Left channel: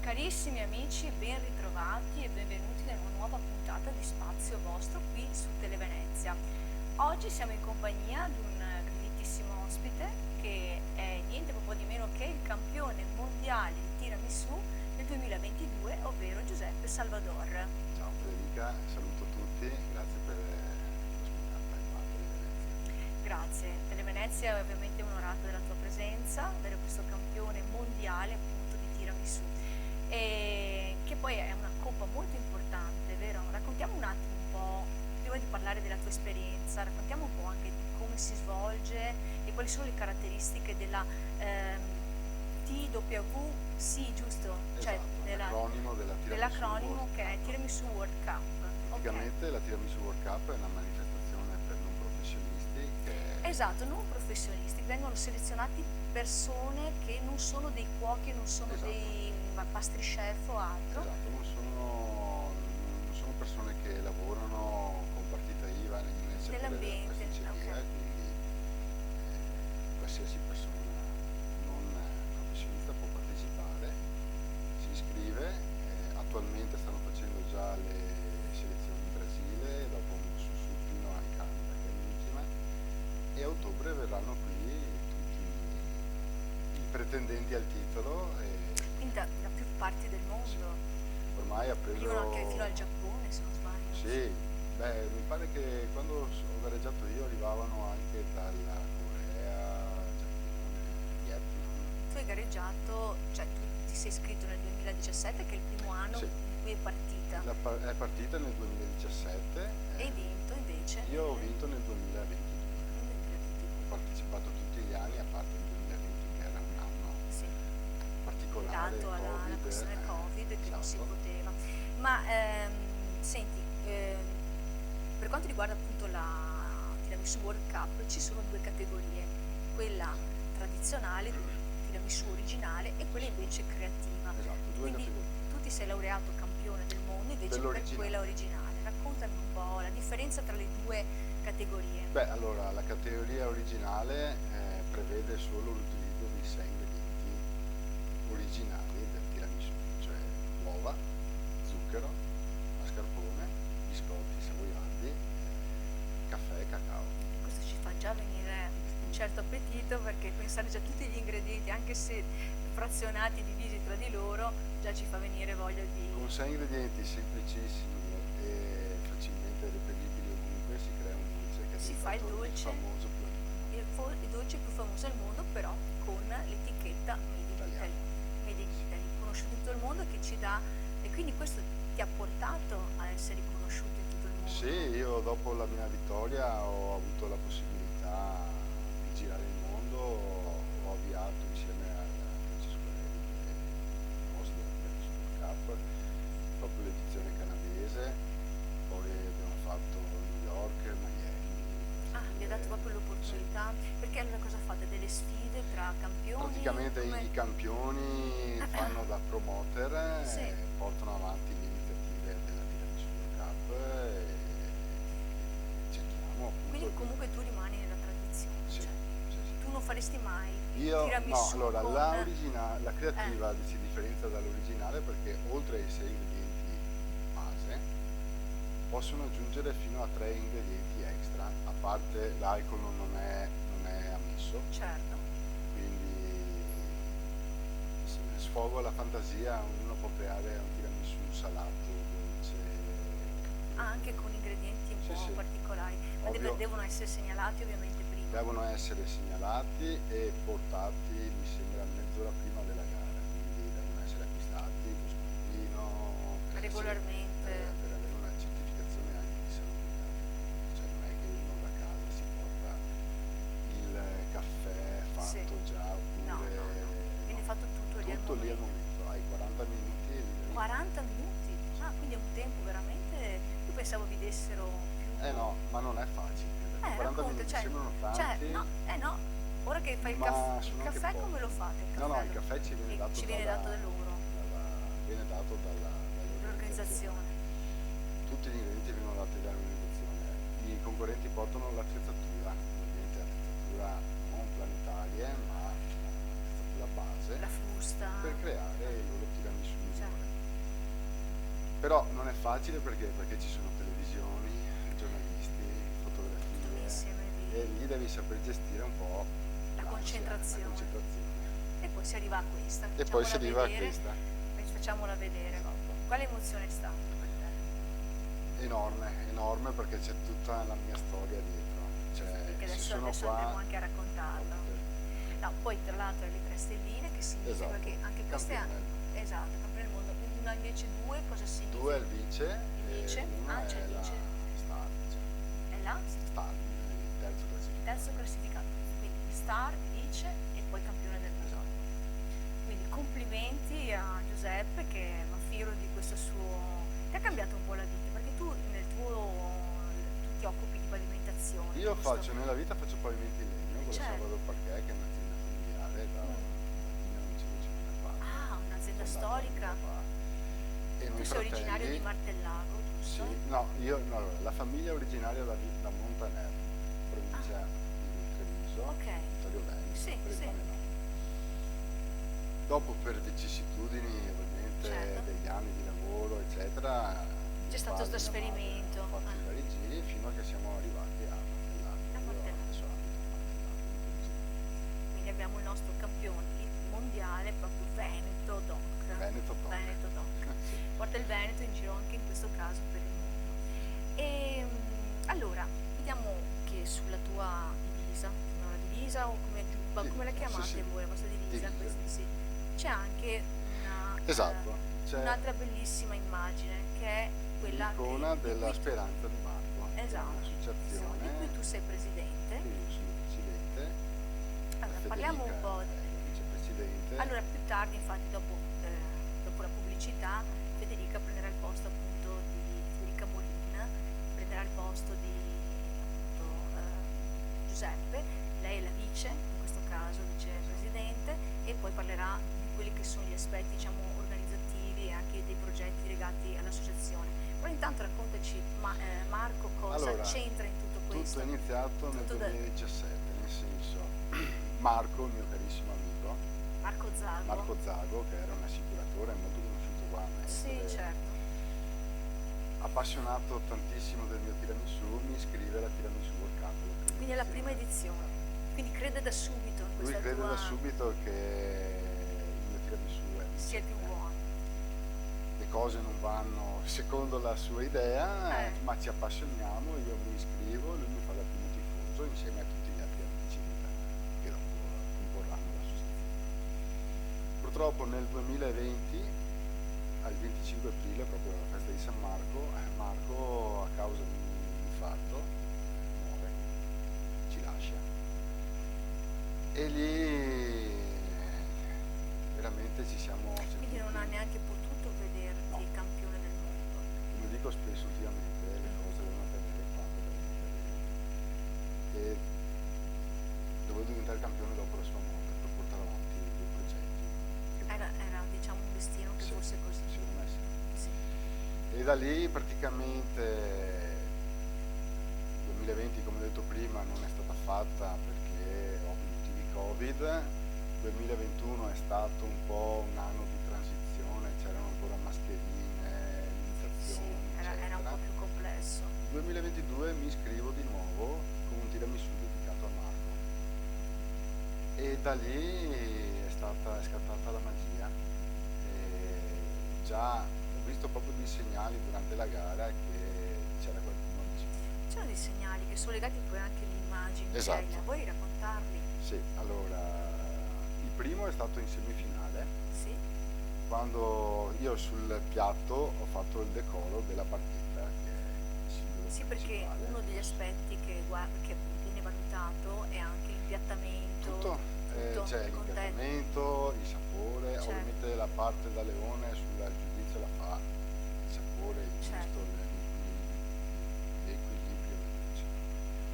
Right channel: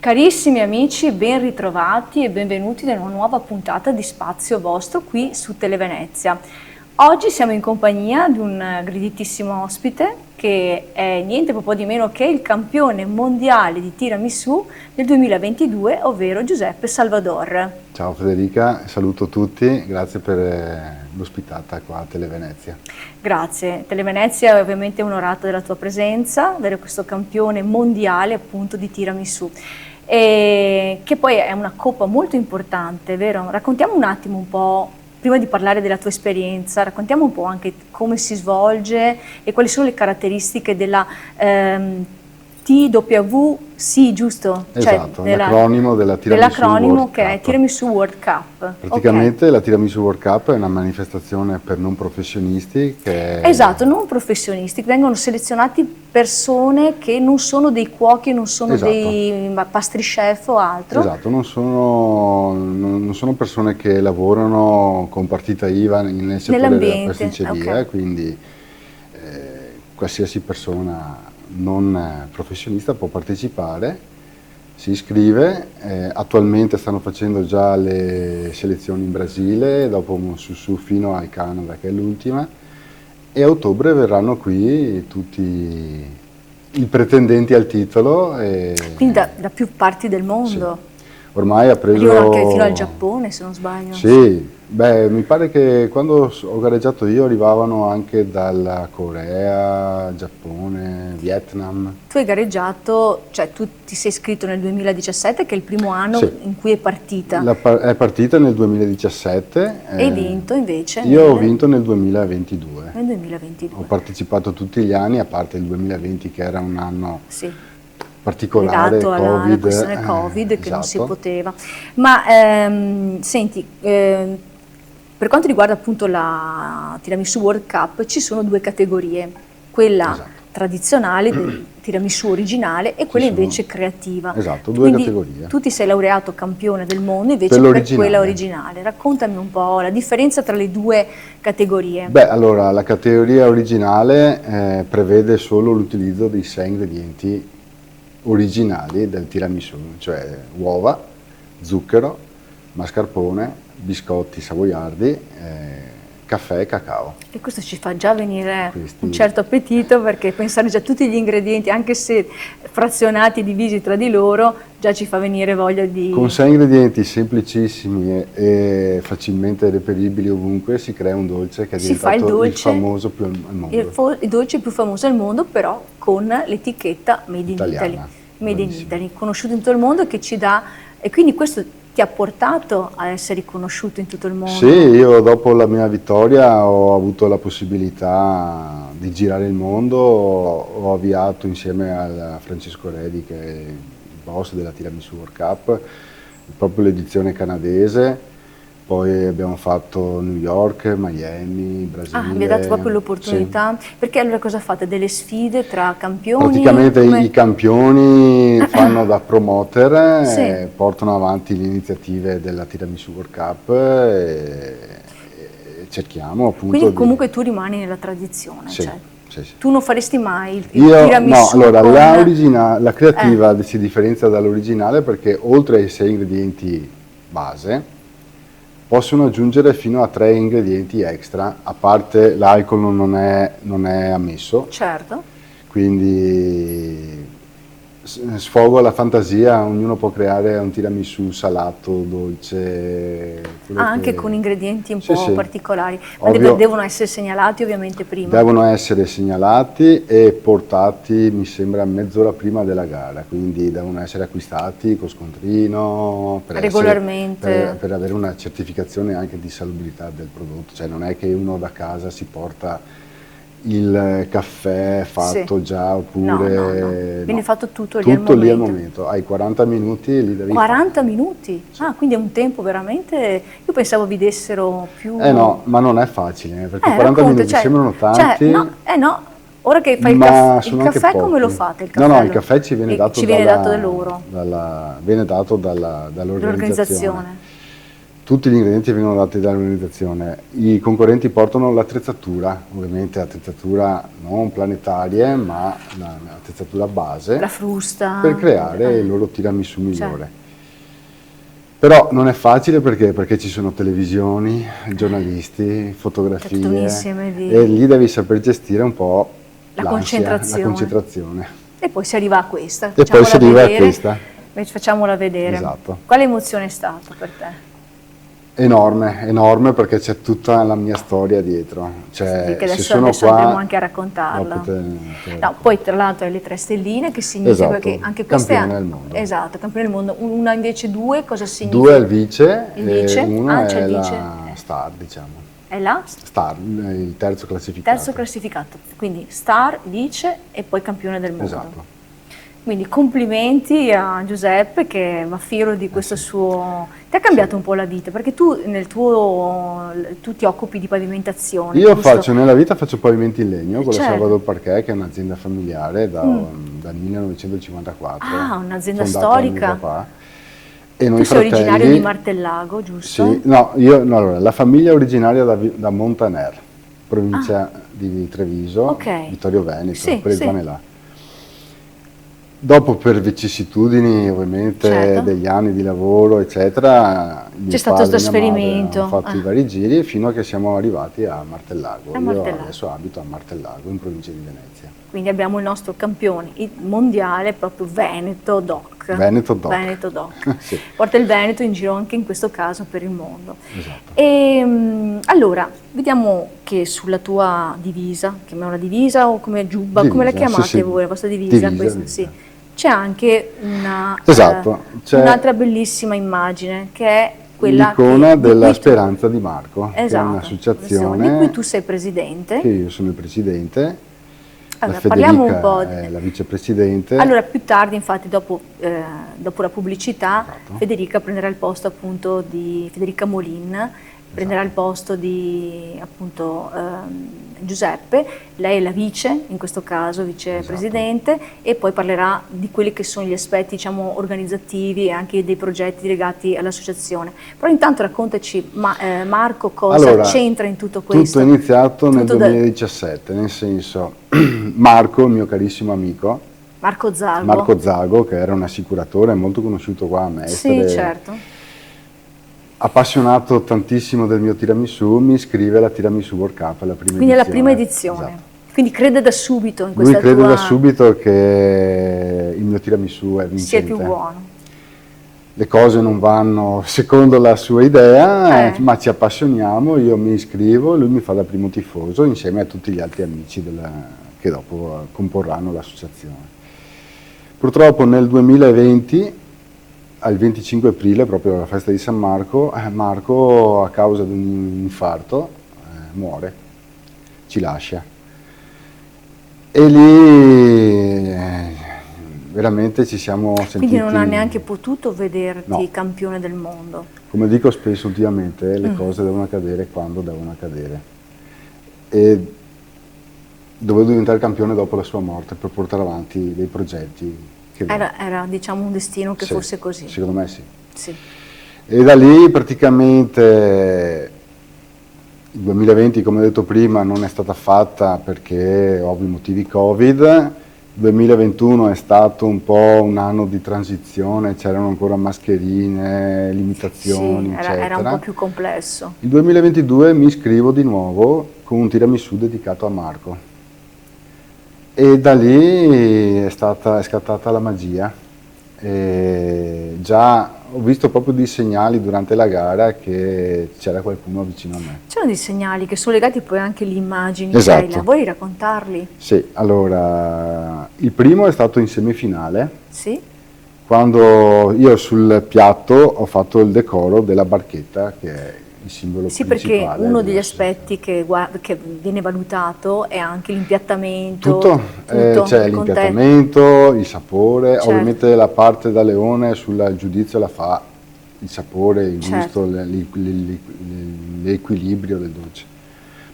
Carissimi amici, ben ritrovati e benvenuti in una nuova puntata di Spazio Vostro qui su Televenezia. Oggi siamo in compagnia di un graditissimo ospite che è niente po' di meno che il campione mondiale di tiramisù del 2022, ovvero Giuseppe Salvador. Ciao Federica, saluto tutti, grazie per l'ospitata qua a Televenezia. Grazie, Televenezia è ovviamente onorata della tua presenza, avere questo campione mondiale appunto di tiramisù. E che poi è una coppa molto importante, vero? Raccontiamo un attimo un po', prima di parlare della tua esperienza, raccontiamo un po' anche come si svolge e quali sono le caratteristiche della TWC, giusto? Esatto, l'acronimo della Tiramisù World che Cup. è Tiramisù World Cup. Praticamente la Tiramisù World Cup è una manifestazione per non professionisti che... Esatto, non professionisti, vengono selezionati persone che non sono dei cuochi, non sono dei pastry chef o altro. Esatto, non sono persone che lavorano con partita IVA nel settore della pasticceria, quindi qualsiasi persona non professionista può partecipare, si iscrive, attualmente stanno facendo già le selezioni in Brasile, dopo su fino al Canada che è l'ultima, e a ottobre verranno qui tutti i pretendenti al titolo. Quindi da più parti del mondo? Sì. Ormai ha preso... Arrivano anche fino al Giappone, se non sbaglio. Sì, beh, mi pare che quando ho gareggiato io arrivavano anche dalla Corea, Giappone, Vietnam. Tu hai gareggiato, cioè tu ti sei iscritto nel 2017, che è il primo anno in cui è partita. È partita nel 2017. E hai vinto invece? Io ho vinto nel 2022. Nel 2022. Ho partecipato tutti gli anni, a parte il 2020 che era un anno... Sì. particolare, legato alla questione Covid che non si poteva. Ma senti, per quanto riguarda appunto la Tiramisù World Cup ci sono due categorie, quella tradizionale del tiramisù originale e quella invece creativa. Esatto, due categorie. Tu ti sei laureato campione del mondo invece per quella originale. Raccontami un po' la differenza tra le due categorie. Beh, allora la categoria originale prevede solo l'utilizzo dei 6 ingredienti originali del tiramisù, cioè uova, zucchero, mascarpone, biscotti savoiardi, caffè e cacao. E questo ci fa già venire un certo appetito, perché pensare già a tutti gli ingredienti, anche se frazionati, divisi tra di loro, già ci fa venire voglia di... Con 6 ingredienti semplicissimi e facilmente reperibili ovunque si crea un dolce che è diventato il famoso più al mondo. Il dolce più famoso al mondo, però con l'etichetta Made in Italy. Made in Italy, conosciuto in tutto il mondo, che ci dà... E quindi questo ti ha portato a essere riconosciuto in tutto il mondo? Sì, io dopo la mia vittoria ho avuto la possibilità di girare il mondo, ho avviato insieme a Francesco Redi, che è il boss della Tiramisù World Cup, proprio l'edizione canadese, poi abbiamo fatto New York, Miami, Brasile. Mi ha dato proprio l'opportunità, perché allora cosa fate? Delle sfide tra campioni? Praticamente i campioni fanno da promoter, portano avanti le iniziative della Tiramisù World Cup e cerchiamo appunto... Quindi comunque tu rimani nella tradizione, cioè. Sì. Tu non faresti mai il tiramisù? No, allora la creativa si differenzia dall'originale perché oltre ai 6 ingredienti base possono aggiungere fino a 3 ingredienti extra, a parte l'alcol non è ammesso. Certo. Quindi sfogo la fantasia, ognuno può creare un tiramisù salato, dolce. Anche con ingredienti un po' particolari, ma devono essere segnalati ovviamente prima. Devono essere segnalati e portati, mi sembra, mezz'ora prima della gara, quindi devono essere acquistati con scontrino, regolarmente. Per avere una certificazione anche di salubrità del prodotto, cioè non è che uno da casa si porta il caffè fatto già, oppure... Viene fatto tutto lì al momento. Hai 40 minuti e lì devi 40 minuti? Sì. Ah, quindi è un tempo veramente... Io pensavo vi dessero più... no, ma non è facile, perché 40 minuti sembrano tanti. No, ora che fai il caffè come lo fate? Il caffè, no, il caffè ci viene dato da loro. Viene dato dall'organizzazione. tutti gli ingredienti vengono dati dall'organizzazione, i concorrenti portano l'attrezzatura, ovviamente l'attrezzatura non planetarie, ma l'attrezzatura base, la frusta, per creare il loro tiramisù migliore. Però non è facile perché ci sono televisioni, giornalisti, fotografie, e lì devi saper gestire un po' la concentrazione. E poi si arriva a questa. E poi si arriva a questa. Facciamola vedere. Esatto. Quale emozione è stata per te? Enorme, enorme, perché c'è tutta la mia storia dietro. Cioè, che adesso andremo anche a raccontarla. No, poi tra l'altro hai le 3 stelline, che significa che anche questa campione del mondo. Esatto, campione del mondo. Una invece 2, cosa significa? 2 è il vice, e uno è la vice. star, diciamo. È la? Star, il terzo classificato. Terzo classificato, quindi star, vice e poi campione del mondo. Esatto. Quindi complimenti a Giuseppe, che è fiero di questo suo... Ti ha cambiato un po' la vita, perché tu tu ti occupi di pavimentazione. Io nella vita faccio pavimenti in legno con la certo. Salvador Parquet, che è un'azienda familiare dal 1954. Ah, un'azienda storica. E noi tu sei originario di Martellago, giusto? Sì, no, allora, la famiglia è originaria da Montaner, provincia di Treviso, Vittorio Veneto, quelle zone là. Dopo, per vicissitudini ovviamente degli anni di lavoro eccetera, c'è stato questo trasferimento, hanno fatto i vari giri fino a che siamo arrivati a Martellago. Io adesso abito a Martellago, in provincia di Venezia. Quindi abbiamo il nostro campione mondiale, proprio Veneto Doc. Veneto Doc. Veneto Doc. Sì. Porta il Veneto in giro anche in questo caso per il mondo. Esatto. E allora, vediamo che sulla tua divisa, chiamiamola divisa o come giubba, come la chiamate voi, la vostra divisa? Questa, sì. C'è anche un'altra bellissima immagine, che è quella l'icona della Speranza di Marco, che è un'associazione di cui tu sei presidente. Che io sono il presidente. Allora, la parliamo un po' è la vicepresidente. Allora, più tardi, infatti, dopo la pubblicità, Federica prenderà il posto appunto di Federica Molin, prenderà il posto di appunto Giuseppe. Lei è la vice, in questo caso vicepresidente, e poi parlerà di quelli che sono gli aspetti, diciamo, organizzativi e anche dei progetti legati all'associazione. Però intanto raccontaci, Marco, cosa c'entra in tutto questo? Tutto è iniziato nel 2017, nel senso, Marco, il mio carissimo amico, Marco Zago, che era un assicuratore molto conosciuto qua a Mestre. Sì, certo. Appassionato tantissimo del mio tiramisù, mi iscrive alla Tiramisù World Cup, la prima edizione. Quindi è la prima edizione. Esatto. Quindi crede da subito in questa Lui crede da subito che il mio tiramisù è vincente. Sia più buono. Le cose non vanno secondo la sua idea, ma ci appassioniamo, io mi iscrivo e lui mi fa da primo tifoso insieme a tutti gli altri amici che dopo comporranno l'associazione. Purtroppo nel 2020, al 25 aprile, proprio alla festa di San Marco, Marco, a causa di un infarto, muore, ci lascia. E lì veramente ci siamo sentiti... Quindi non ha neanche potuto vederti campione del mondo. Come dico spesso ultimamente, le cose devono accadere quando devono accadere. E dovevo diventare campione dopo la sua morte per portare avanti dei progetti. Era diciamo un destino che fosse così. Secondo me sì. Sì. E da lì praticamente il 2020, come ho detto prima, non è stata fatta perché ovvi motivi Covid. Il 2021 è stato un po' un anno di transizione, c'erano ancora mascherine, limitazioni, eccetera. Era un po' più complesso. Il 2022 mi iscrivo di nuovo con un tiramisù dedicato a Marco. E da lì è scattata la magia. E già ho visto proprio dei segnali durante la gara che c'era qualcuno vicino a me. C'erano dei segnali che sono legati poi anche alle immagini. Esatto. Vuoi raccontarli? Sì, allora il primo è stato in semifinale. Sì. Quando io sul piatto ho fatto il decoro della barchetta, che è il simbolo principale. Sì, perché uno degli aspetti che viene valutato è anche l'impiattamento. Tutto. C'è l'impiattamento, il sapore, ovviamente la parte da leone sul giudizio la fa il sapore, il gusto, l'equilibrio del dolce.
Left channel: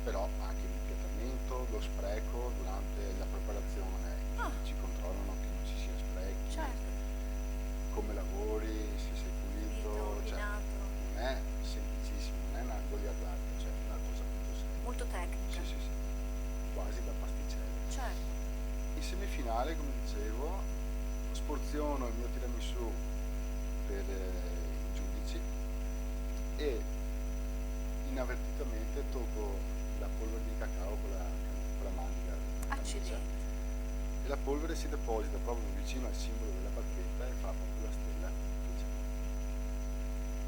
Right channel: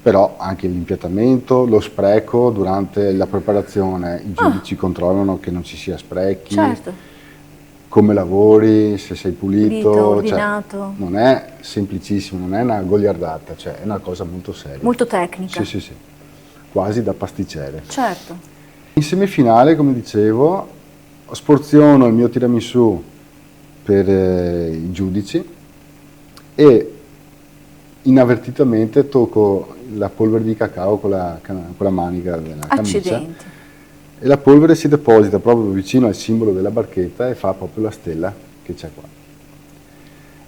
Però anche l'impiattamento, lo spreco durante la preparazione, i giudici controllano che non ci sia sprechi. Certo. come lavori, se sei pulito, ordinato. Cioè, non è semplicissimo, non è una goliardata, cioè è una cosa molto seria. Molto tecnica. Sì, quasi da pasticcere. Certo. In semifinale, come dicevo, sporziono il mio tiramisù per i giudici e inavvertitamente tocco la polvere di cacao con la manica della camicia. Accidenti. E la polvere si deposita proprio vicino al simbolo della barchetta e fa proprio la stella che c'è qua.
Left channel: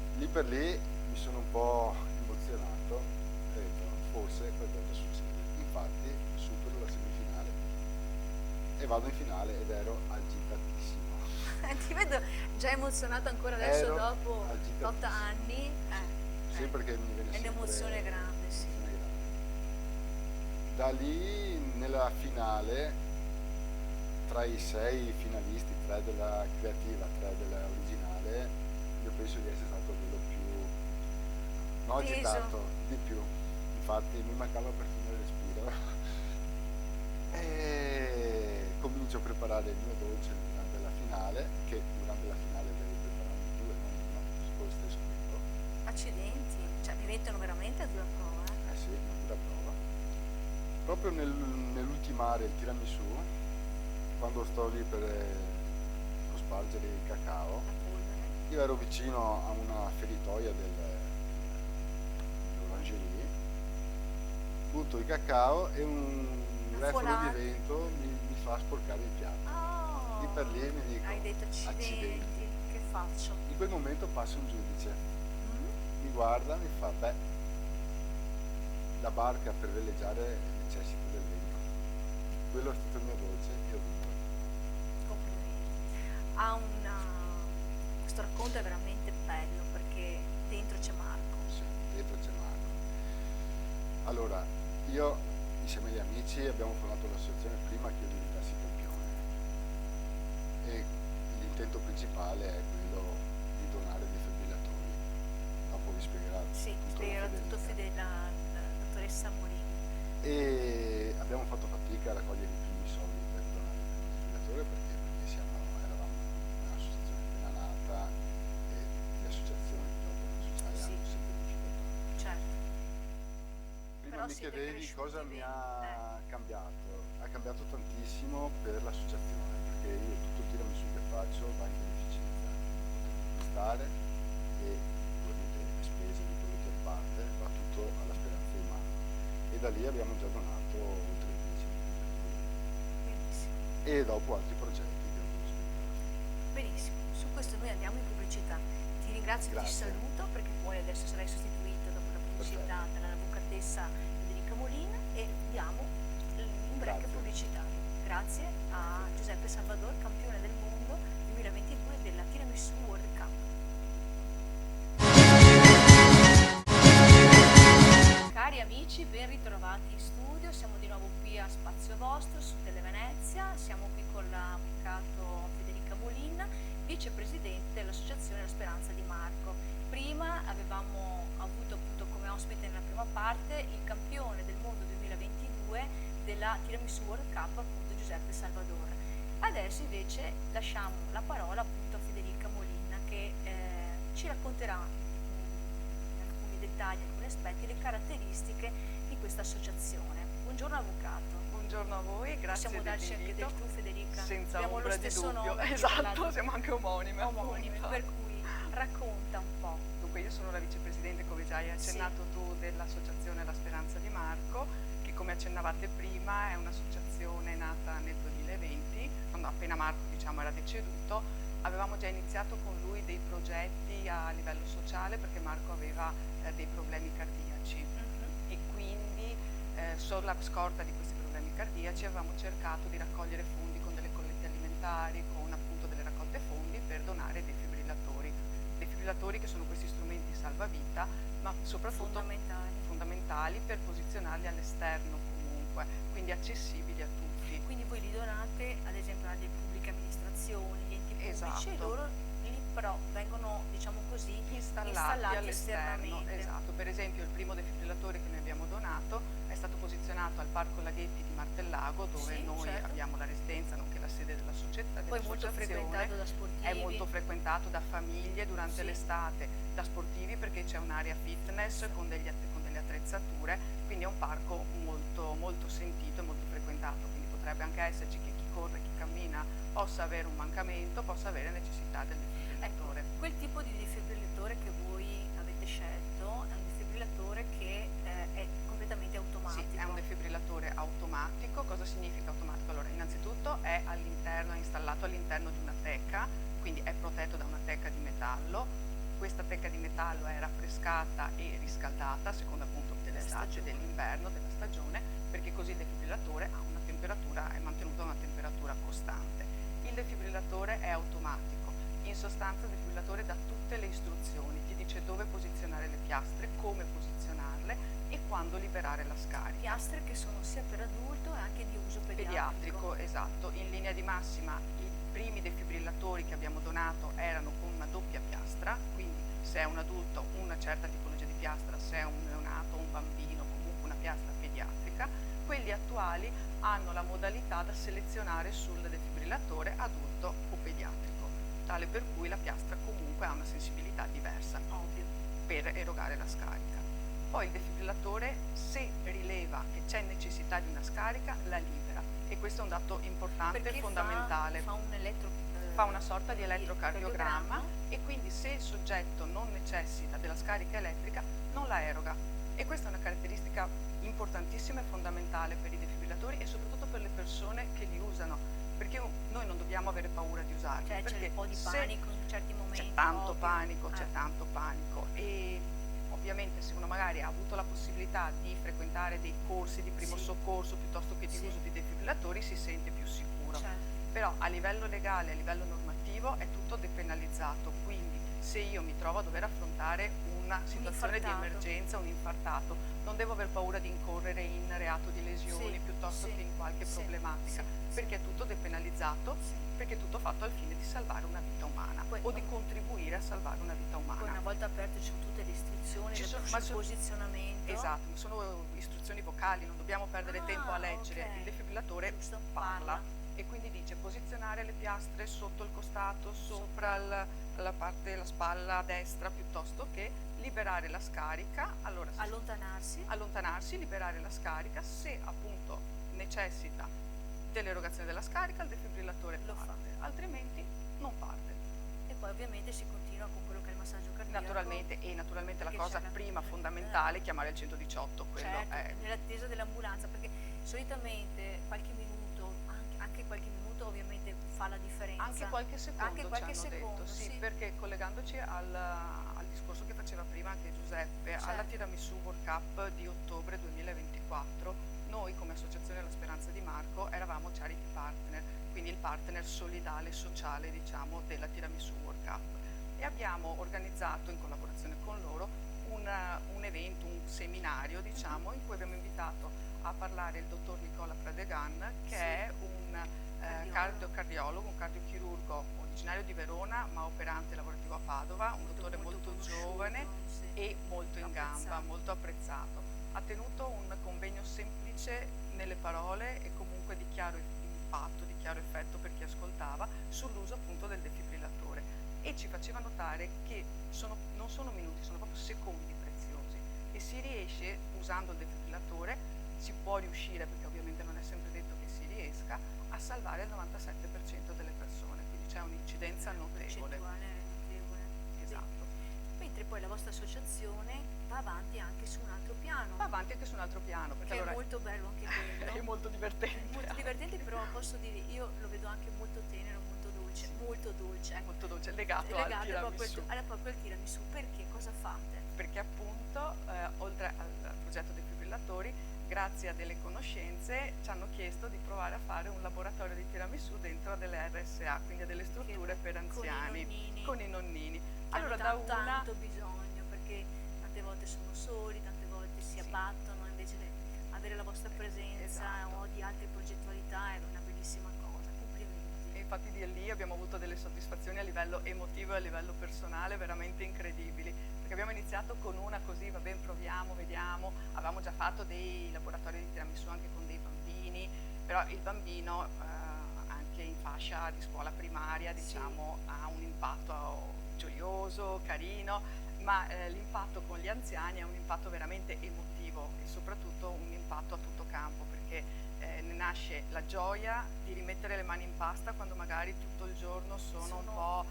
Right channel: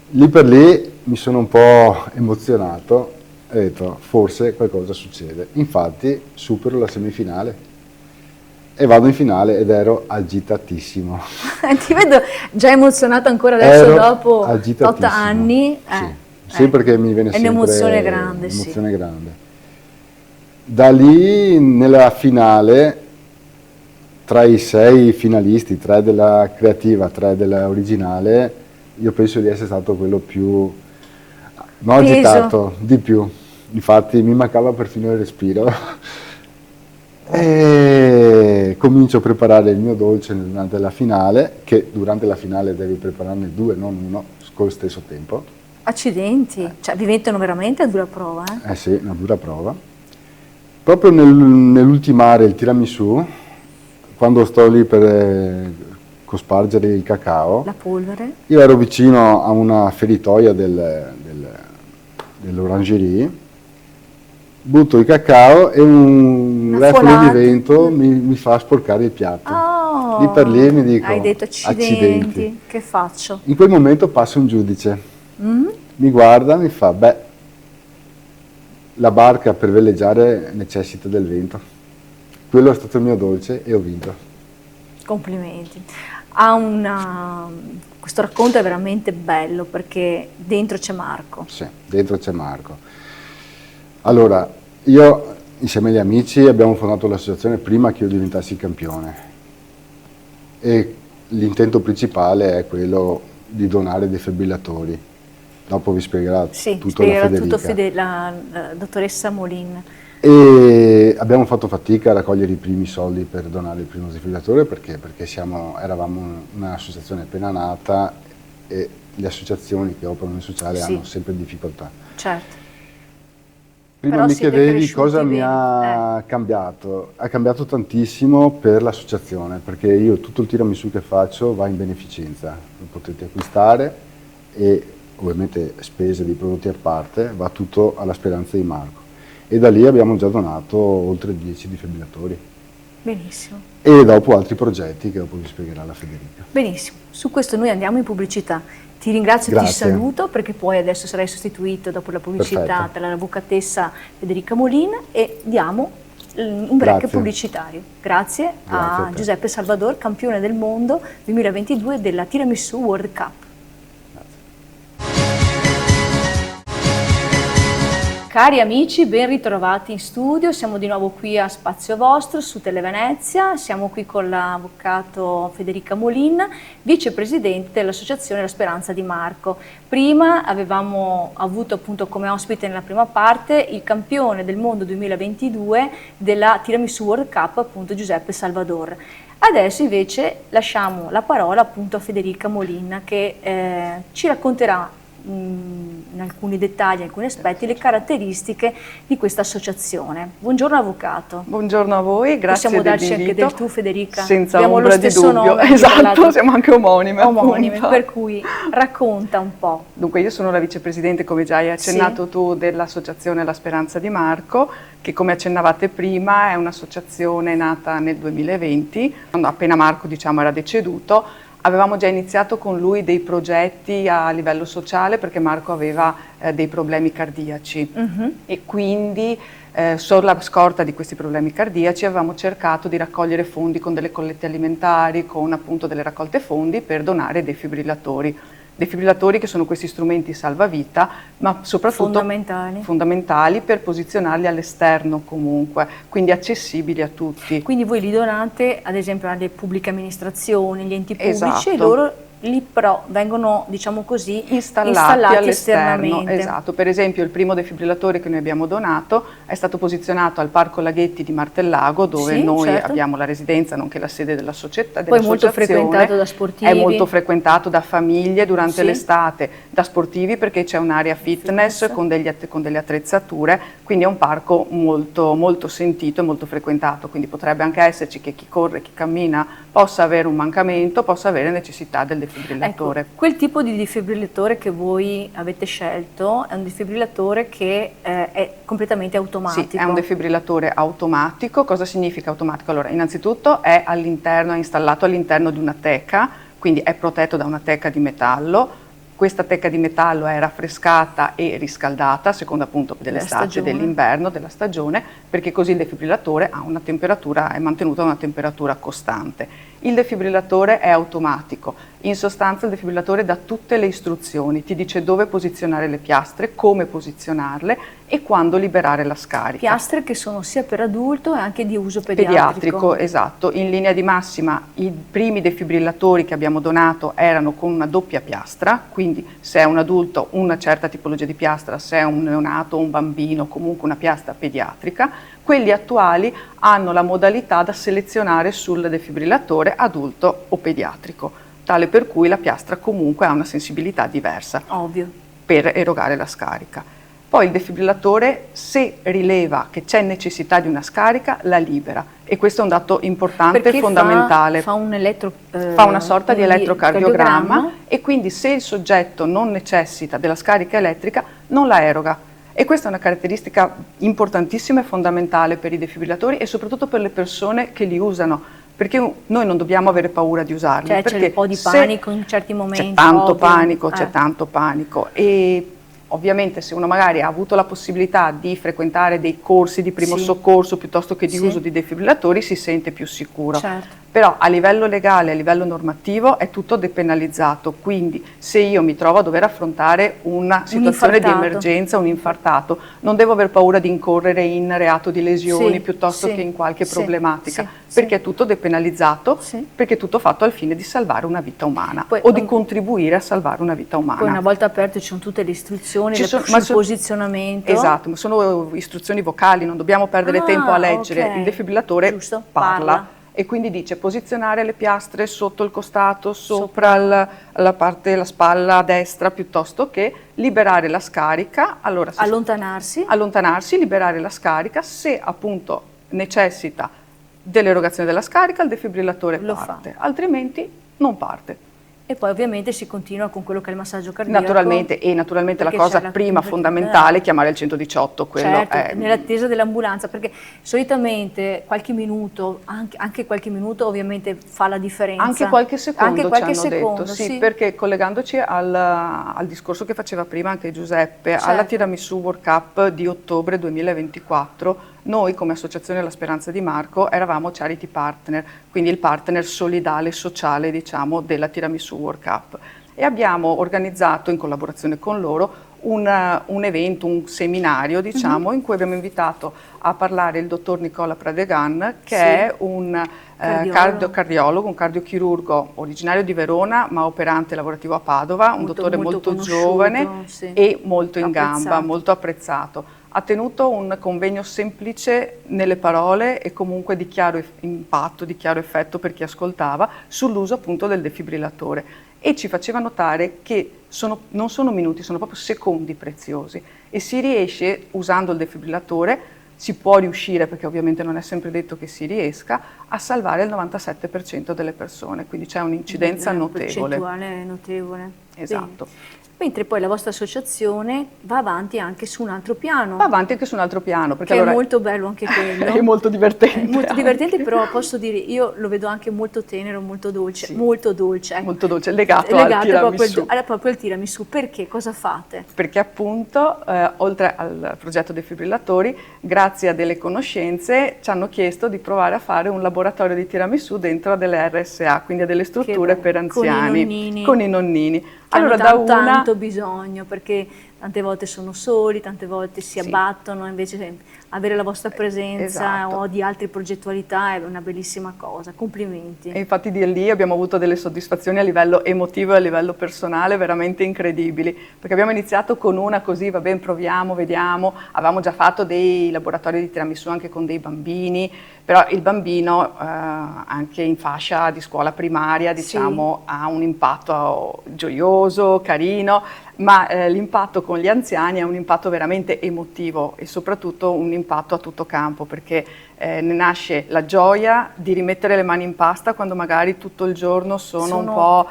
Lì per lì mi sono un po' emozionato e ho detto forse qualcosa succede. Infatti supero la semifinale e vado in finale ed ero agitatissimo. Ti vedo già emozionato ancora adesso dopo 8 anni. Sì, perché mi viene sempre un'emozione grande. Un'emozione grande. Da lì nella finale, tra i 6 finalisti, 3 della creativa, 3 della originale, io penso di essere stato quello più agitato, di più. Infatti mi mancava perfino il respiro. E comincio a preparare il mio dolce durante la finale, che durante la finale devi prepararne 2, non 1, con lo stesso tempo. Accidenti, cioè vi mettono veramente a dura prova, eh? Sì, una dura prova. Proprio nell'ultimare il tiramisù, quando sto lì per cospargere il cacao, la polvere, io ero vicino a una feritoia dell'orangerie, butto il cacao e un raffico di vento mi fa sporcare il piatto. Oh, lì per lì mi dico, hai detto accidenti, che faccio? In quel momento passa un giudice, mi guarda, mi fa, beh, la barca per veleggiare necessita del vento. Quello è stato il mio dolce e ho vinto. Complimenti. Questo racconto è veramente bello perché dentro c'è Marco. Sì, dentro c'è Marco. Allora, io insieme agli amici abbiamo fondato l'associazione prima che io diventassi campione e l'intento principale è quello di donare defibrillatori. Dopo vi spiegherà tutto la dottoressa Molin. E abbiamo fatto fatica a raccogliere i primi soldi per donare il primo defibrillatore perché eravamo un'associazione appena nata e le associazioni che operano nel sociale hanno sempre difficoltà. Certo. Prima Però mi chiedevi cosa mi bene. ha cambiato. Ha cambiato tantissimo per l'associazione, perché io tutto il tiramisù che faccio va in beneficenza, lo potete acquistare e ovviamente spese di prodotti a parte, va tutto alla Speranza di Marco. E da lì abbiamo già donato oltre 10 defibrillatori. Benissimo. E dopo altri progetti che dopo vi spiegherà la Federica. Benissimo, su questo noi andiamo in pubblicità. Ti ringrazio e ti saluto perché poi adesso sarai sostituito dopo la pubblicità dall'avvocatessa Federica Molin e diamo un break pubblicitario. Grazie a Giuseppe Salvador, campione del mondo 2022 della Tiramisù World Cup. Cari amici, ben ritrovati in studio, siamo di nuovo qui a Spazio Vostro su Televenezia, siamo qui con l'avvocato Federica Molin, vicepresidente dell'Associazione La Speranza di Marco. Prima avevamo avuto appunto come ospite nella prima parte il campione del mondo 2022 della Tiramisù World Cup, appunto Giuseppe Salvador. Adesso invece lasciamo la parola appunto a Federica Molin che ci racconterà in alcuni dettagli, in alcuni aspetti, le caratteristiche di questa associazione. Buongiorno avvocato. Buongiorno a voi, grazie dell'invito. Possiamo darci anche del tu, Federica? Senza abbiamo ombra lo stesso di dubbio, nome, esatto, siamo anche omonime. Per cui racconta un po'. Dunque io sono la vicepresidente, come già hai accennato tu, dell'associazione La Speranza di Marco, che come accennavate prima è un'associazione nata nel 2020, quando appena Marco era deceduto. Avevamo già iniziato con lui dei progetti a livello sociale perché Marco aveva dei problemi cardiaci e quindi sulla scorta di questi problemi cardiaci avevamo cercato di raccogliere fondi con delle collette alimentari, con appunto delle raccolte fondi per donare defibrillatori. Defibrillatori che sono questi strumenti salvavita, ma soprattutto fondamentali per posizionarli all'esterno comunque, quindi accessibili a tutti. Quindi voi li donate ad esempio alle pubbliche amministrazioni, agli enti pubblici, esatto. e loro lì però vengono, diciamo così, installati esternamente. Esatto, per esempio il primo defibrillatore che noi abbiamo donato è stato posizionato al Parco Laghetti di Martellago, dove noi abbiamo la residenza nonché la sede della società. Poi molto frequentato da sportivi. È molto frequentato da famiglie durante l'estate, da sportivi perché c'è un'area fitness con delle attrezzature, quindi è un parco molto, molto sentito e molto frequentato, quindi potrebbe anche esserci che chi corre, chi cammina possa avere un mancamento, possa avere necessità del defibrillatore. Ecco, quel tipo di defibrillatore che voi avete scelto è un defibrillatore che è completamente automatico. Sì, è un defibrillatore automatico. Cosa significa automatico? Allora, innanzitutto è installato all'interno di una teca, quindi è protetto da una teca di metallo. Questa teca di metallo è raffrescata e riscaldata a seconda appunto dell'estate, dell'inverno, della stagione, perché così il defibrillatore ha una temperatura, è mantenuto a una temperatura costante. Il defibrillatore è automatico, in sostanza il defibrillatore dà tutte le istruzioni, ti dice dove posizionare le piastre, come posizionarle e quando liberare la scarica. Piastre che sono sia per adulto e anche di uso pediatrico. Esatto. In linea di massima i primi defibrillatori che abbiamo donato erano con una doppia piastra, quindi se è un adulto una certa tipologia di piastra, se è un neonato o un bambino comunque una piastra pediatrica. Quelli attuali hanno la modalità da selezionare sul defibrillatore adulto o pediatrico, tale per cui la piastra comunque ha una sensibilità diversa. Ovvio. Per erogare la scarica. Poi il defibrillatore, se rileva che c'è necessità di una scarica, la libera. E questo è un dato importante e fondamentale. Fa una sorta di elettrocardiogramma e quindi se il soggetto non necessita della scarica elettrica, non la eroga. E questa è una caratteristica importantissima e fondamentale per i defibrillatori e soprattutto per le persone che li usano, perché noi non dobbiamo avere paura di usarli. Cioè c'è un po' di panico in certi momenti. C'è tanto panico, c'è tanto panico. E ovviamente se uno magari ha avuto la possibilità di frequentare dei corsi di primo soccorso piuttosto che di uso di defibrillatori si sente più sicuro. Certo. Però a livello legale, a livello normativo è tutto depenalizzato, quindi se io mi trovo a dover affrontare una situazione di emergenza, un infartato, non devo aver paura di incorrere in reato di lesioni piuttosto che in qualche problematica, perché è tutto depenalizzato, perché è tutto fatto al fine di salvare una vita umana o di contribuire a salvare una vita umana. Poi una volta aperto ci sono tutte le istruzioni, sul posizionamento. Esatto, ma sono istruzioni vocali, non dobbiamo perdere tempo a leggere, il defibrillatore parla. E quindi dice posizionare le piastre sotto il costato, sopra la spalla a destra, piuttosto che liberare la scarica. Allora, allontanarsi, liberare la scarica, se appunto necessita dell'erogazione della scarica il defibrillatore parte, altrimenti non parte. E poi ovviamente si continua con quello che è il massaggio cardiaco. Naturalmente la cosa prima fondamentale è chiamare il 118, quello è... nell'attesa dell'ambulanza, perché solitamente qualche minuto, anche qualche minuto ovviamente fa la differenza. Anche qualche secondo ci hanno detto, sì, perché collegandoci al discorso che faceva prima anche Giuseppe, alla Tiramisù World Cup di ottobre 2024, noi come Associazione La Speranza di Marco eravamo charity partner, quindi il partner solidale, sociale diciamo della Tiramisù World Cup e abbiamo organizzato in collaborazione con loro un evento, un seminario diciamo in cui abbiamo invitato a parlare il dottor Nicola Pradegan che è un cardiologo, un cardiochirurgo originario di Verona ma operante lavorativo a Padova, un dottore molto giovane e molto in gamba, molto apprezzato. Ha tenuto un convegno semplice nelle parole e comunque di chiaro impatto, di chiaro effetto per chi ascoltava sull'uso appunto del defibrillatore e ci faceva notare che non sono minuti, sono proprio secondi preziosi e si riesce usando il defibrillatore, si può riuscire perché ovviamente non è sempre detto che si riesca, a salvare il 97% delle persone, quindi c'è un'incidenza notevole. Percentuale notevole. Esatto. Bene. Mentre poi la vostra associazione va avanti anche su un altro piano. Va avanti anche su un altro piano. Perché che è molto bello anche quello. È molto divertente. È molto divertente, però posso dire, io lo vedo anche molto tenero, molto dolce. Molto dolce. Molto dolce, legato al tiramisù. Proprio al tiramisù. Perché? Cosa fate? Perché appunto, oltre al progetto defibrillatori, grazie a delle conoscenze, ci hanno chiesto di provare a fare un laboratorio di tiramisù dentro a delle RSA, quindi a delle strutture per anziani. Con i nonnini. Allora, hanno tanto bisogno, perché tante volte sono soli, tante volte si abbattono, invece avere la vostra presenza o di altre progettualità è una bellissima cosa, complimenti. E infatti di lì abbiamo avuto delle soddisfazioni a livello emotivo e a livello personale veramente incredibili, perché abbiamo iniziato con una così, va bene, proviamo, vediamo, avevamo già fatto dei laboratori di tiramisù anche con dei bambini, però il bambino anche in fascia di scuola primaria diciamo ha un impatto gioioso, carino, ma l'impatto con gli anziani è un impatto veramente emotivo e soprattutto un impatto a tutto campo, perché ne nasce la gioia di rimettere le mani in pasta quando magari tutto il giorno sono un po'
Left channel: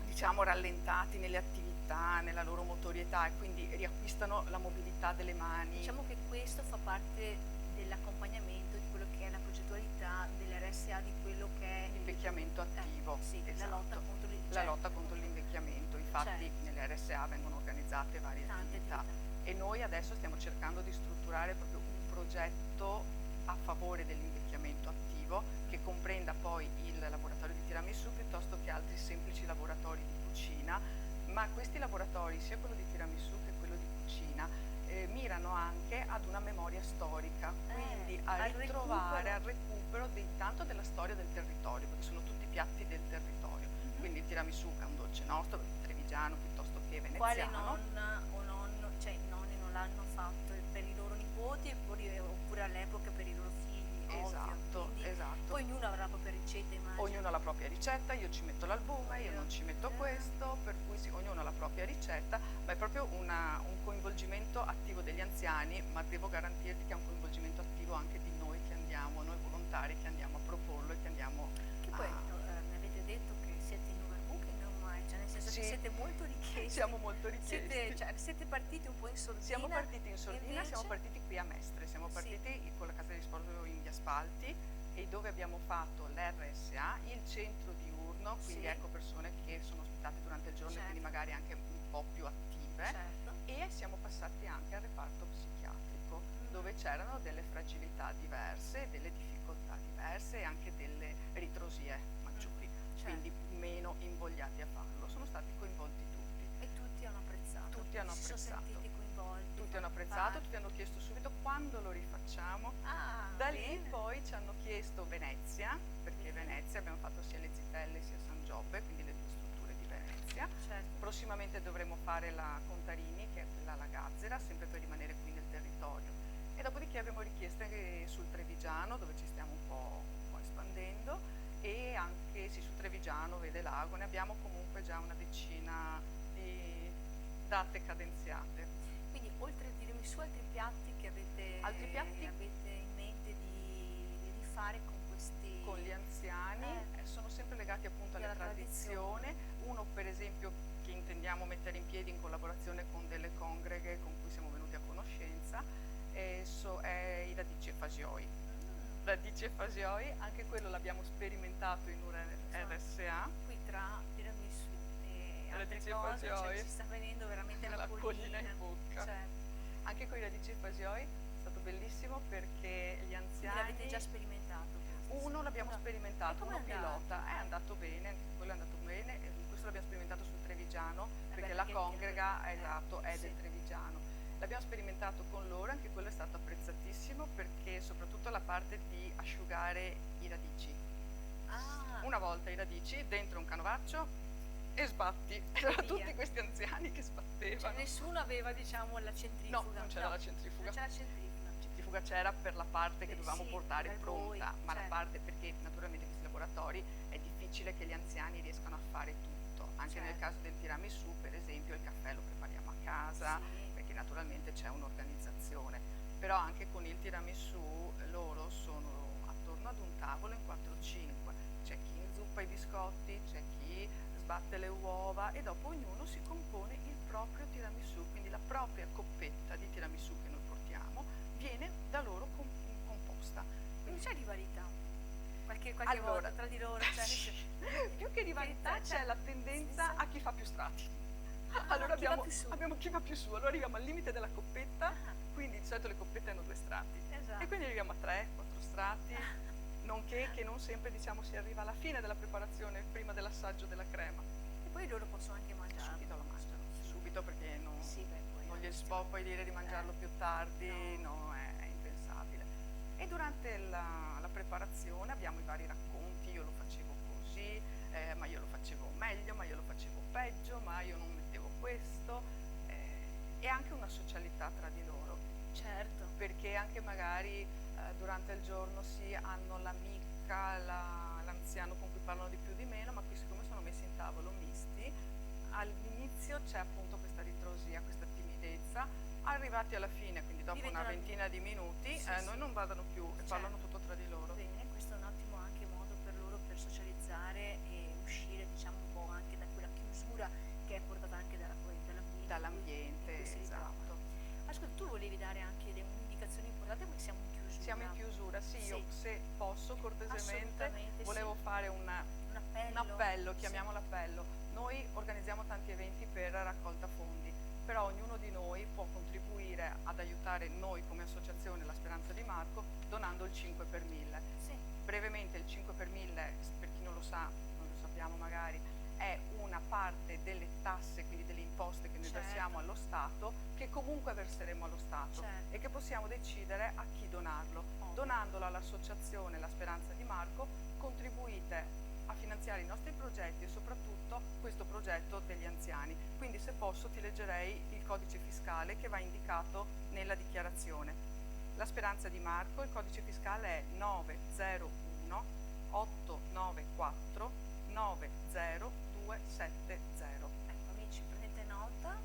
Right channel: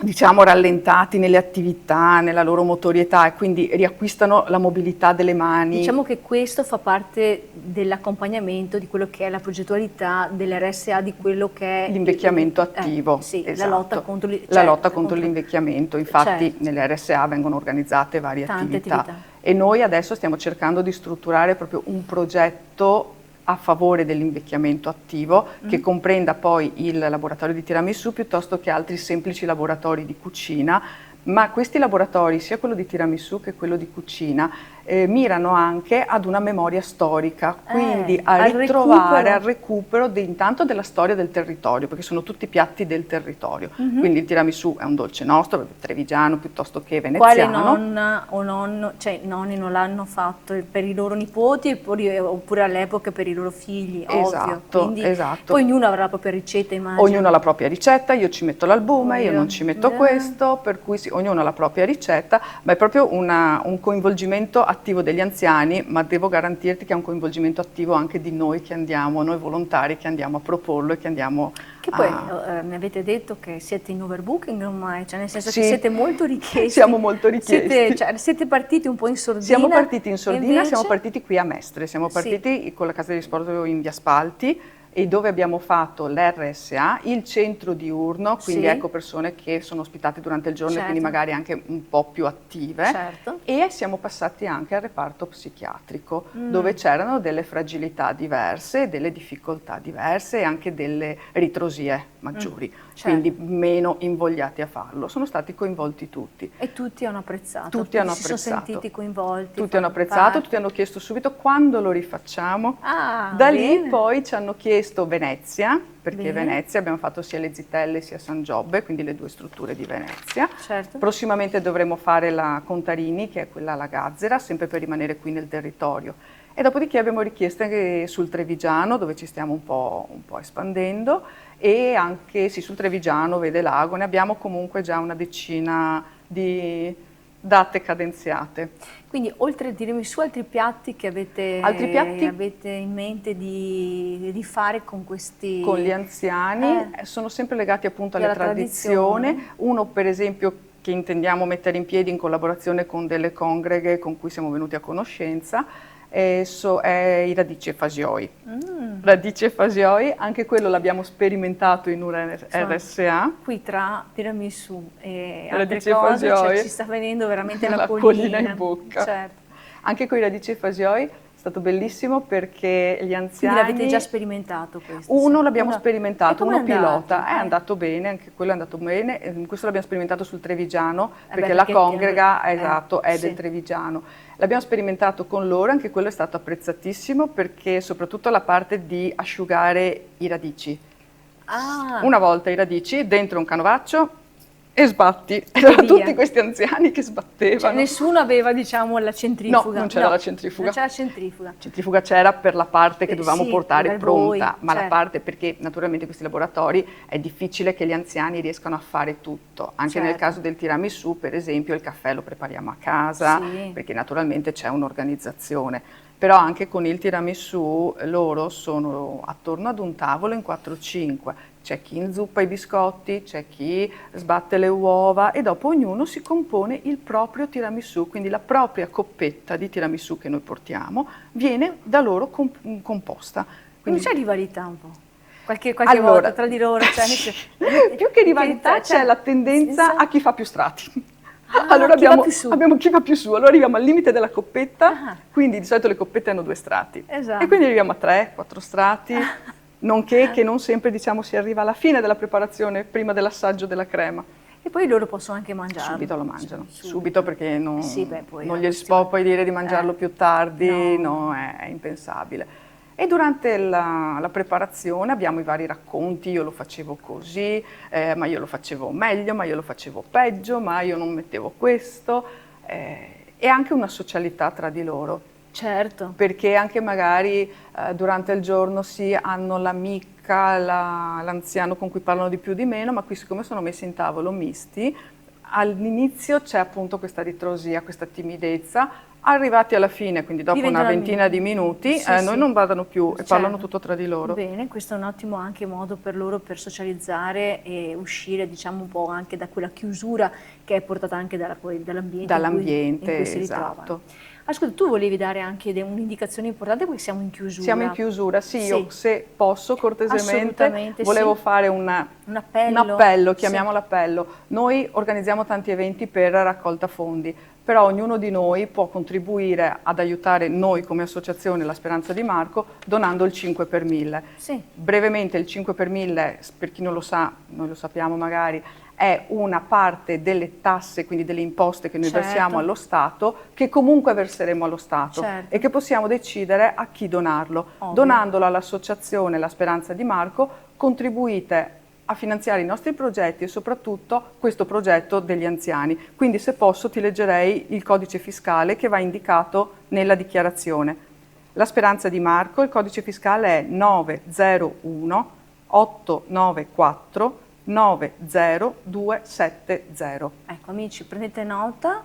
diciamo rallentati nelle attività, nella loro motorietà, e quindi riacquistano la mobilità delle mani. Diciamo che questo fa parte dell'accompagnamento di quello che è la progettualità dell'RSA, di quello che è l'invecchiamento attivo. Sì, esatto. La lotta contro l'invecchiamento. Infatti nelle RSA vengono organizzate varie attività. E noi adesso stiamo cercando di strutturare proprio un progetto a favore dell'invecchiamento attivo che comprenda poi il laboratorio di tiramisù piuttosto che altri semplici laboratori di cucina, ma questi laboratori, sia quello di tiramisù che quello di cucina, mirano anche ad una memoria storica, quindi a ritrovare, al recupero intanto della storia del territorio, perché sono tutti piatti del territorio. Quindi il tiramisù è un dolce nostro, trevigiano piuttosto che veneziano. Quale nonna o nonno, cioè i nonni non l'hanno fatto per i loro nipoti oppure all'epoca per i loro figli, esatto, ovvio. Quindi esatto. Poi ognuno avrà la propria ricetta, immagino. Ognuno ha la propria ricetta, io ci metto l'albume, io non ci metto questo, per cui ognuno ha la propria ricetta, ma è proprio un coinvolgimento attivo degli anziani, ma devo garantirti che è un coinvolgimento attivo anche di noi che andiamo, noi volontari che andiamo a proporlo e che andiamo poi mi avete detto che siete in overbooking ormai, cioè nel senso sì, che siete molto richiesti. Siamo molto richiesti. Siete partiti un po' in sordina. Siamo partiti in sordina, invece... siamo partiti qui a Mestre, siamo partiti con la Casa di Sport in Via Spalti, e dove abbiamo fatto l'RSA, il centro diurno, quindi ecco persone che sono ospitate durante il giorno e quindi magari anche un po' più attive, e siamo passati anche al reparto psichiatrico, dove c'erano delle fragilità diverse, delle difficoltà diverse e anche delle ritrosie maggiori, quindi meno invogliati a farlo. Sono stati coinvolti tutti. E tutti hanno apprezzato. Tutti hanno apprezzato. Si sono sentiti coinvolti. Tutti hanno apprezzato, tutti hanno chiesto subito quando lo rifacciamo. Da lì poi ci hanno chiesto Venezia, perché Venezia abbiamo fatto sia le Zitelle sia San Giobbe, quindi le due strutture di Venezia. Prossimamente dovremo fare la Contarini, che è quella alla Gazzera, sempre per rimanere qui nel territorio. E dopodiché abbiamo richiesto anche sul Trevigiano, dove ci stiamo un po' espandendo, e anche sul Trevigiano, Vede Lago, ne abbiamo comunque già una decina di date cadenziate. Quindi oltre al tiramisù, altri piatti che avete in mente di fare con questi... Con gli anziani, sono sempre legati appunto alla tradizione. Uno per esempio che intendiamo mettere in piedi in collaborazione con delle congreghe con cui siamo venuti a conoscenza, è i radici e fasioi. Radici e fasioi, anche quello l'abbiamo sperimentato in una RSA. Qui tra tiramisù e radici altre cose, fasioi, ci sta venendo veramente la collina in bocca. Anche con i radici e fasioi è stato bellissimo perché gli anziani... Quindi l'avete già sperimentato questo? Uno l'abbiamo sperimentato, uno pilota, è andato bene, anche quello è andato bene. Questo l'abbiamo sperimentato sul Trevigiano, perché la congrega è del Trevigiano. L'abbiamo sperimentato con loro, anche quello è stato apprezzatissimo perché soprattutto la parte di asciugare i radici. Una volta i radici dentro un canovaccio e sbatti. Erano tutti questi anziani che sbattevano. Cioè, nessuno aveva, diciamo, la centrifuga. No, non c'era la centrifuga. Non c'era la centrifuga. La centrifuga c'era per la parte che dovevamo portare pronta, ma certo. la parte, perché naturalmente questi laboratori è difficile che gli anziani riescano a fare tutto. Anche nel caso del tiramisù, per esempio, il caffè lo prepariamo a casa, perché naturalmente c'è un'organizzazione. Però anche con il tiramisù loro sono attorno ad un tavolo in 4-5, c'è chi inzuppa i biscotti, c'è chi sbatte le uova e dopo ognuno si compone il proprio tiramisù, quindi la propria coppetta di tiramisù che noi portiamo viene da loro composta. Quindi c'è rivalità un po'? Qualche volta tra di loro? Più che rivalità c'è la tendenza a chi fa più strati. Allora chi abbiamo chi va più su, allora arriviamo al limite della coppetta, quindi di solito le coppette hanno 2 strati, e quindi arriviamo a 3-4 strati, nonché che non sempre diciamo si arriva alla fine della preparazione, prima dell'assaggio della crema. E poi loro possono anche mangiarlo. Subito lo mangiano, subito perché non, sì, beh, poi non gli si può poi dire di mangiarlo più tardi, no, è impensabile. E durante la preparazione abbiamo i vari racconti, io lo facevo così, ma io lo facevo meglio, ma io lo facevo peggio, ma io non mettevo questo, e anche una socialità tra di loro. Certo. Perché anche magari durante il giorno hanno l'amica, l'anziano con cui parlano di più o di meno, ma qui siccome sono messi in tavolo misti, all'inizio c'è appunto questa ritrosia, questa timidezza. Arrivati alla fine, quindi dopo una ventina di minuti, noi non vadano più e parlano tutto tra di loro. Bene, questo è un ottimo anche modo per loro per socializzare e uscire, diciamo, un po' anche da quella chiusura che è portata anche dall'ambiente in cui si ritrovano. Ascolta, tu volevi dare anche un'indicazione importante perché siamo in chiusura. Siamo in chiusura, sì. Io se posso cortesemente volevo fare un appello, chiamiamolo appello. Noi organizziamo tanti eventi per raccolta fondi, però ognuno di noi può contribuire ad aiutare noi come associazione La Speranza di Marco donando il 5 per 1000. Sì. Brevemente il 5 per 1000, per chi non lo sa, noi lo sappiamo magari, è una parte delle tasse, quindi delle imposte che noi versiamo allo Stato, che comunque verseremo allo Stato e che possiamo decidere a chi donarlo. Ovvio. Donandolo all'associazione La Speranza di Marco contribuite a finanziare i nostri progetti e soprattutto questo progetto degli anziani. Quindi se posso ti leggerei il codice fiscale che va indicato nella dichiarazione. La Speranza di Marco, il codice fiscale è 901 894 90270. Ecco amici, prendete nota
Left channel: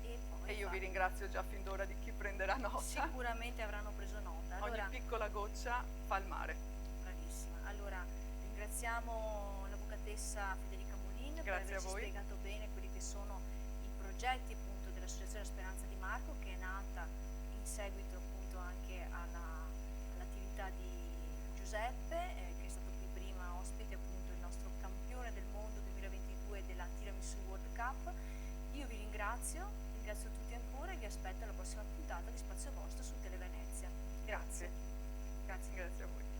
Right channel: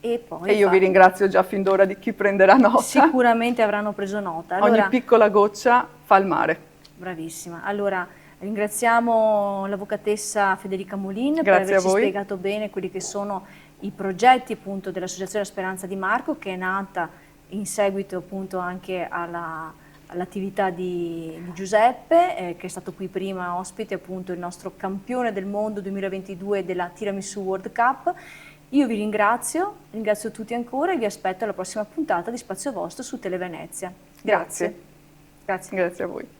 e poi... E io vi ringrazio già fin d'ora di chi prenderà nota. Sicuramente avranno preso nota. Allora, ogni piccola goccia fa il mare. Bravissima. Allora, ringraziamo l'avvocatessa Federica Molin per averci spiegato bene quelli che sono i progetti appunto dell'Associazione Speranza di Marco, che è nata in seguito appunto anche all'attività di Giuseppe, che è stato qui prima ospite, appunto il nostro campione del mondo 2022 della Tiramisù World Cup. Io vi ringrazio tutti ancora e vi aspetto alla prossima puntata di Spazio Vostro su Televenezia. Grazie. Grazie. Grazie a voi.